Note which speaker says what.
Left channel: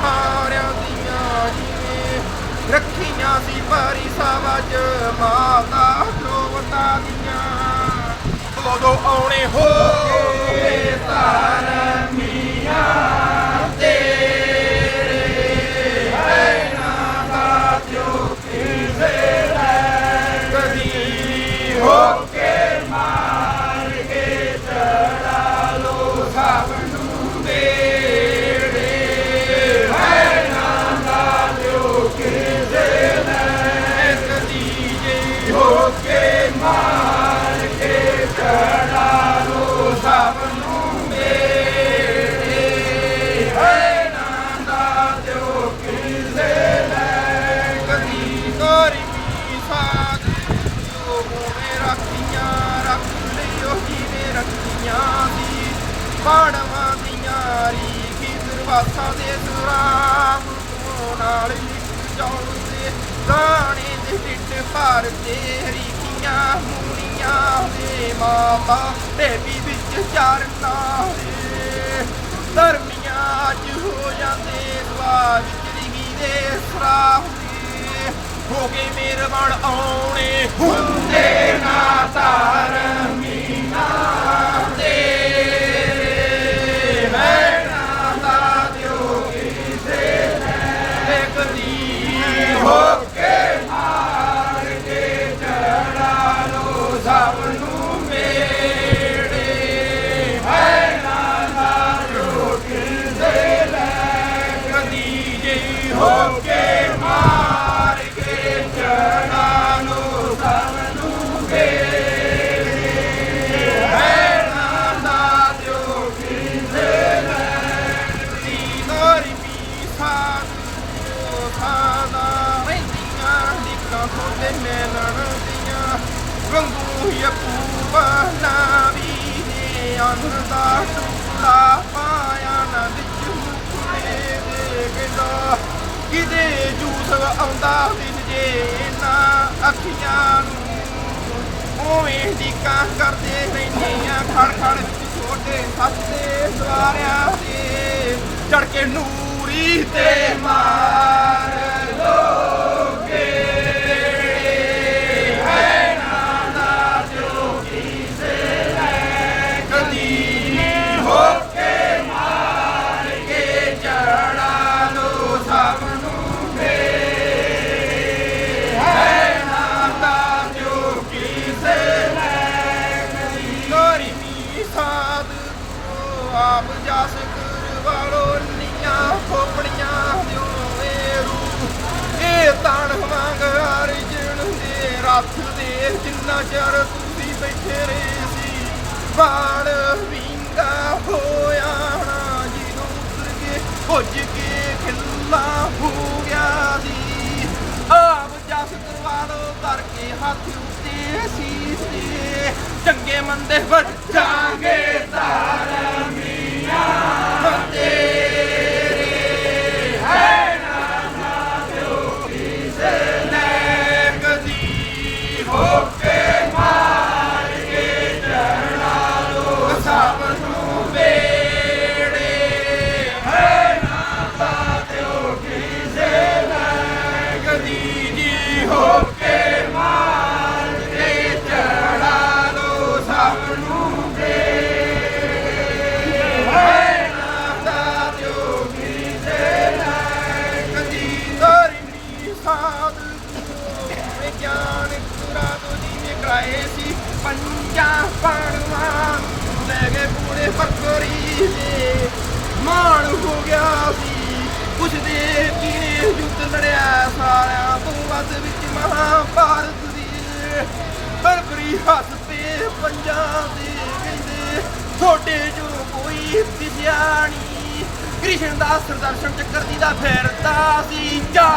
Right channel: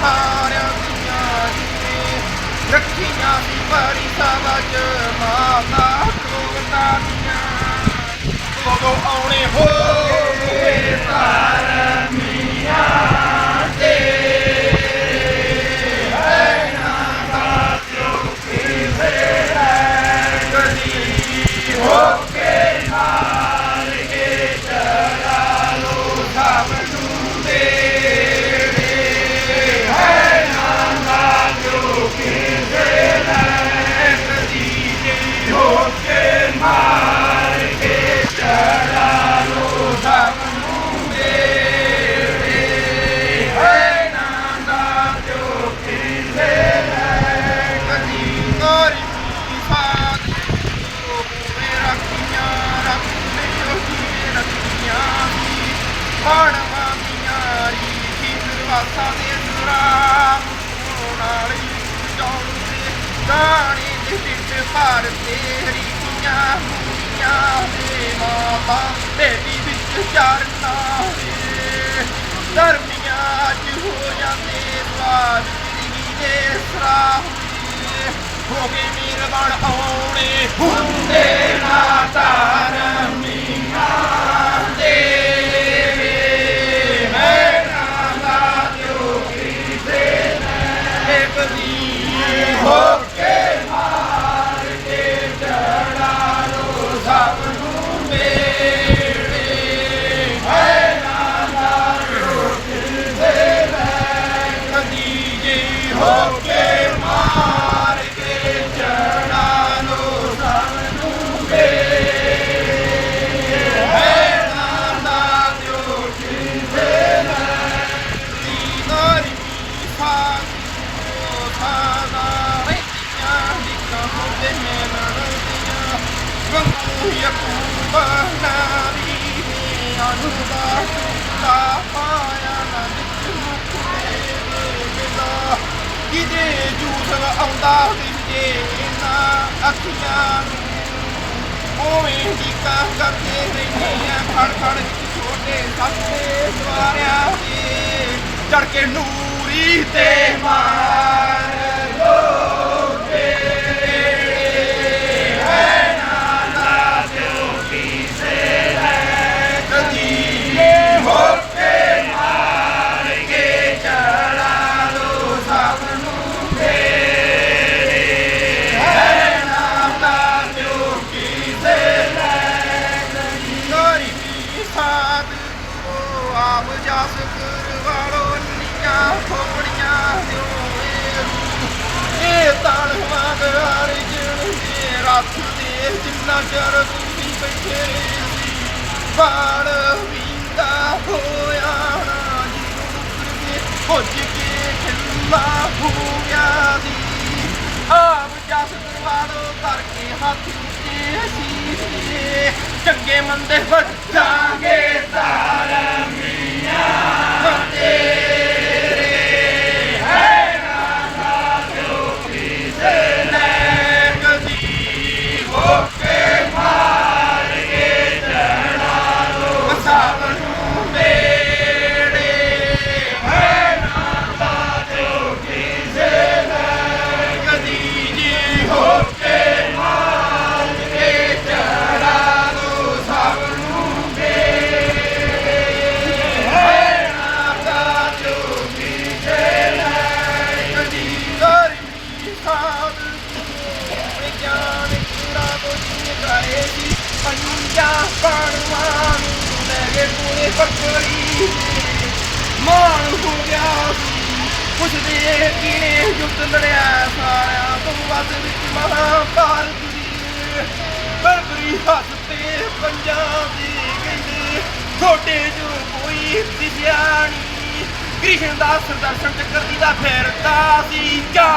Speaker 1: ਸਾਰਿਆਂ ਦੀਆਂ ਜੀ ਰੱਖੀਆਂ ਸੀ ਪਰੀ ਸਵਜ ਮਾਤਾ ਲੋਤਾ ਦੀਆਂ। ਕਦੋਂ ਆਉਣੇ ਹੋਏ ਤਾਰ ਮੀਆਂ ਬਾਣਾਂ ਦੀਆਂ ਰੀਤੀ ਦਰਵਾਸਾ ਦੇ ਸੁਰਾਮ ਨਾਲ ਹੀ ਜਾਉਂਦੇ ਗਾਣੇ ਦੇ ਵਿੱਚ ਭਰ ਤੇਰੀ ਦੀਆਂ ਮੂੜੀਆਂ ਦੇ ਮਾਤਾ ਬੇਬੀ ਵਿੱਚ ਚਰਨਾ ਦੇ। ਧਰਮੀਆਂ ਅੱਜ ਹੋ ਜਾਂਦੇ ਦੁਆਰ ਜ਼ਿੰਦਗੀ ਦੇ ਸਰਾਹੁੰਦੇ ਹੋ ਗਏ ਮਿਹਰਬਾਨ ਆਉਣੇ ਹੁੰਦੇ ਨਾ ਤਾਰਮੀ ਵੰਗੂ ਯਕੂਬ ਨਾਬੀ ਨੇ ਅੰਨ ਦਾ ਟੁਕੜਾ ਪਾਇਆ ਨਾ ਵਿੱਚ ਮੁਕੜੇ ਦੇ ਕਹਿੰਦਾ ਜੂਸ ਆਉਂਦਾ ਦਿਸ ਨਾ ਅੱਖੀਆਂ ਨੂੰ ਉਵੇਂ ਢੀਕਾਂ ਕਰਦੇ ਰਹਿੰਦੇ ਆ ਖੜ ਖੜ ਵਿੱਚ ਛੋਟੇ ਸੱਤੇ ਸਵਾਰਿਆਂ ਤੇ ਚੜ ਕੇ ਨੂਰੀ ਤੇ ਆਪ ਜਸ ਕਰਵਾੜੋ ਨੀਆਂ ਖੋਪੜੀਆਂ ਦਿਓ ਰੂ ਇਹ ਤਾਣ ਵਾਂਗ ਅਰਜਣ ਦੇ ਰੱਥ ਦੇ, ਜਿੰਨਾ ਚਿਰ ਤੁਸੀਂ ਬੈਠੇ ਰਹੇ ਸੀ। ਬਾਣ ਵਿੰਗਾ ਹੋਇਆ ਨਾ, ਜਦੋਂ ਉਤਰ ਕੇ ਭੁੱਜ ਕੇ ਖਿੱਲਾ ਹੋ ਦੀ ਆਪ ਜਸ ਦਰਵਾੜੋ ਕਰਕੇ ਹੱਥ ਉੱਤੇ ਸੀਸੀਏ ਚੰਗੇ ਮੰਦੇ ਵਜਾਂਗੇ ਪੰਜਾ ਪਾਣੀਆਂ ਲੈ ਕੇ ਪੂਰੇ ਫਕਰੀ ਮਾਣ ਹੋ ਗਿਆ। ਸੀ ਪੁੱਛਦੇ ਕਿ ਯੁੱਧ ਲੜਿਆ ਸਾਰਿਆਂ ਤੋਂ ਵੱਧ ਵਿੱਚ ਮਹਾਭਾਰਤ ਦੀ ਬਰਬਰੀ ਹੱਥ ਤੇ ਪੰਜਾਬ ਦੇ ਕਹਿੰਦੇ ਛੋਟੇ ਜੋ ਕੋਈ ਦਿਸਿਆ ਕ੍ਰਿਸ਼ਨ ਦਾ ਸੁਦਰਸ਼ਨ ਚੱਕਰ ਦੀ ਦਾ ਫੇਰਦਾ ਸੀ ਜਾ